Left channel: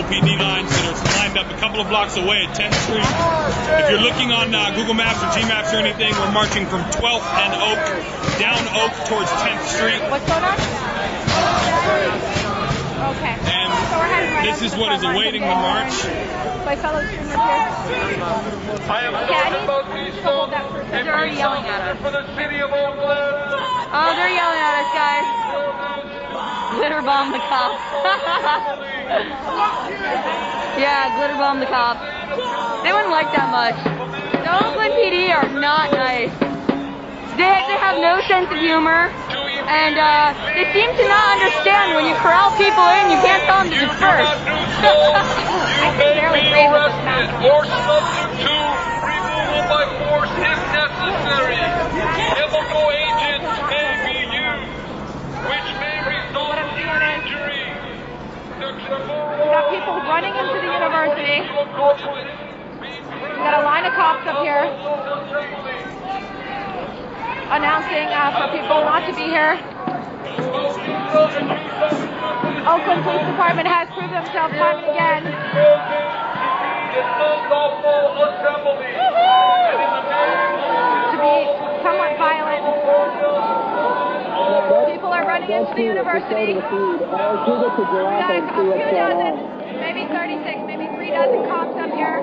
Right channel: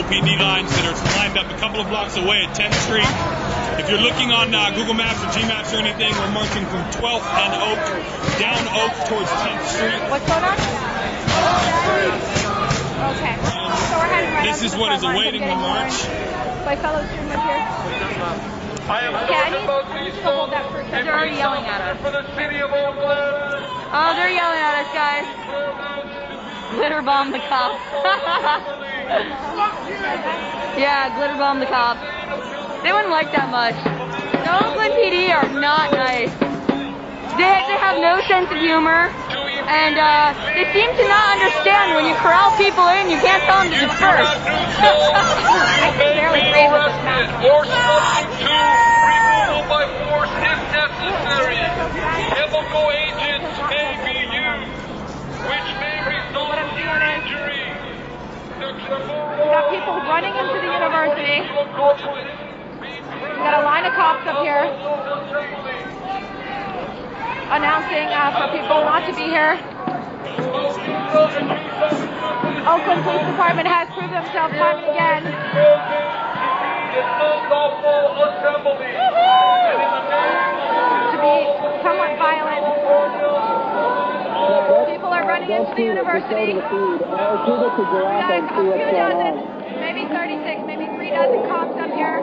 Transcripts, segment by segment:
OPD lines that are lined up a couple of blocks away at 10th Street. If you're looking on Google Maps or G-Maps or anything, we're marching from 12th and Oak, down Oak towards 10th Street. What's going on? Okay. And so we're heading right this is what is awaiting the march. My fellow streamers here. Okay, I need to hold that for a second. They're already yelling at us. Oh, they're yelling at us, guys. Glitter bomb the cops. Yeah, glitter bomb the cops. They wouldn't like that much. The Oakland PD are not nice. They have no sense of humor, and they seem to not understand when you corral people in, you can't tell them to disperse. You may be arrested or subject to removal by force if necessary. Chemical agents may be used, which may result in injury. We got people running into the university. We got a line of cops up here announcing for people not to be here. Oakland Police Department has proved themselves time and again to be somewhat violent. People are running into the university. We got a few dozen, maybe 36, maybe 3 dozen cops up here.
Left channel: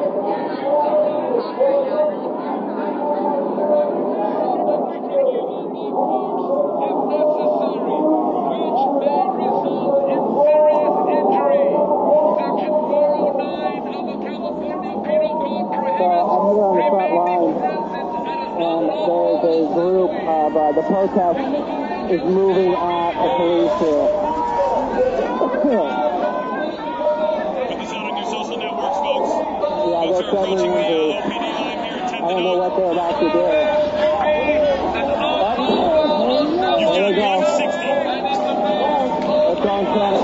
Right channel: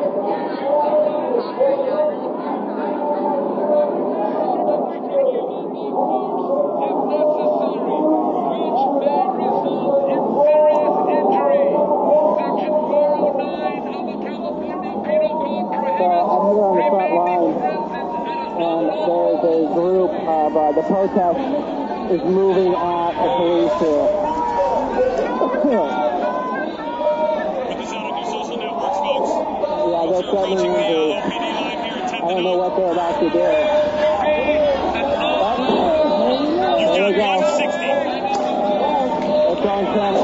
The protest is moving at the police here. Put this out on your social networks, folks. Yeah, Folks they're are approaching the suddenly OPD line here at 10th I don't know what they're about to do. You've got 160. It's on camera.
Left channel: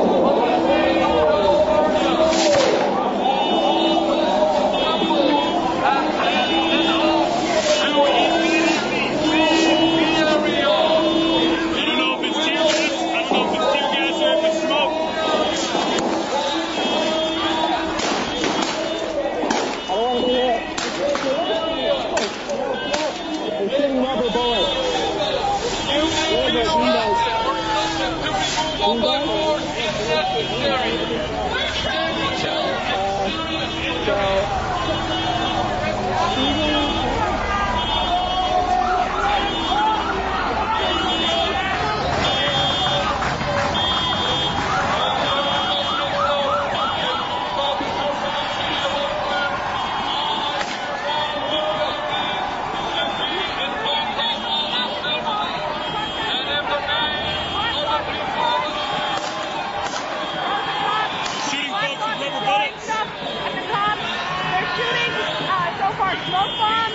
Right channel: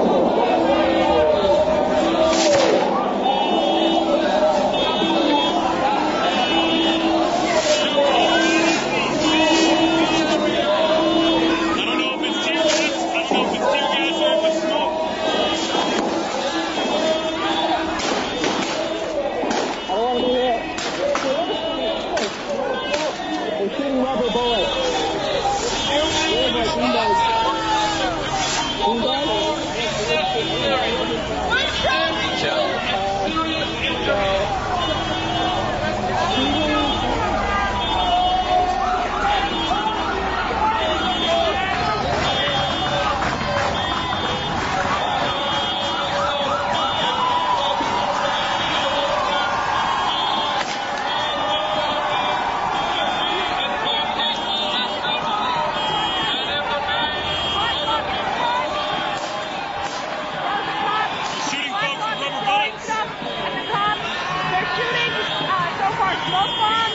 Smoke bombs.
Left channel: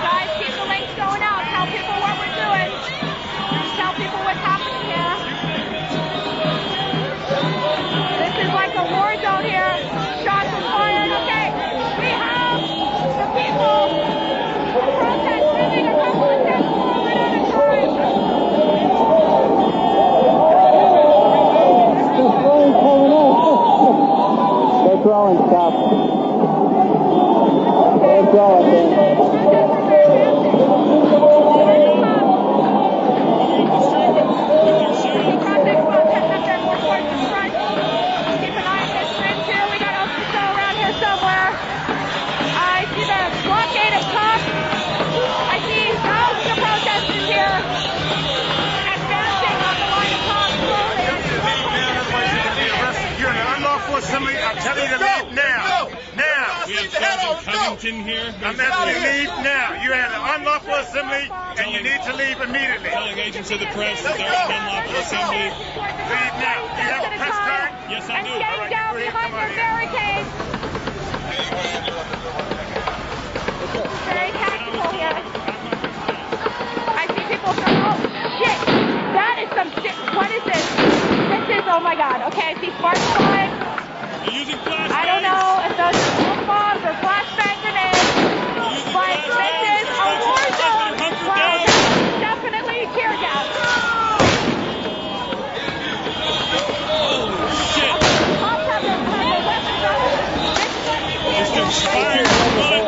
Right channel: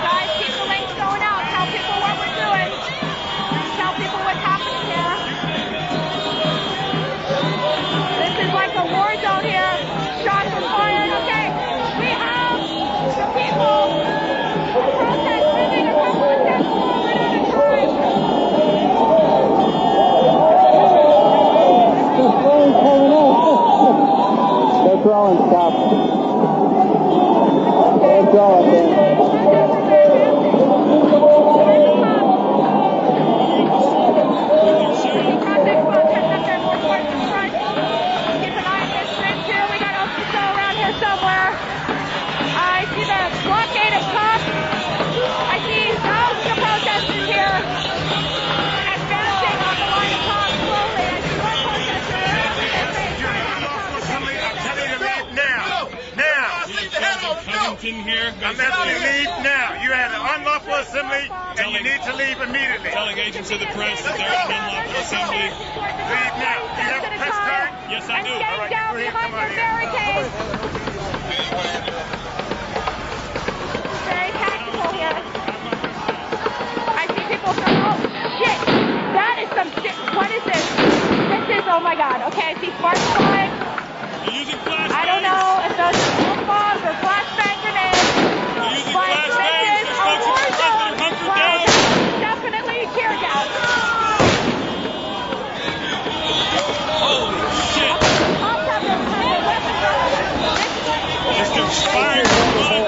Guys, keep the links going out. Tell people what we're doing. Tell people what's happening here. This is like a war zone here. Shots are fired. Okay, we have the people. The protest moving a couple of steps forward at a time. They're throwing stuff. They're throwing things. Keep an eye on this bridge here. We got Oakland around here somewhere. I see the blockade of cops. I see thousands of protesters here advancing on the line of cops slowly. You're an unlawful assembly. I'm telling you to leave now. Now. We have Sergeant Covington here. I'm asking you to leave now. You're at an unlawful assembly, and you need to leave immediately. Telling agents of the press that they're at an unlawful assembly. Leave now. Do you have a press card? Yes, I do. And getting down behind their barricades. Very tactical here. I see people from, oh shit, that is some shit. What is this? This is, oh my god. Okay, I see sparks flying. You're using flashbangs. I don't know if those are smoke bombs or flashbang grenades, but this is a war zone. Well, definitely tear gas. Fire,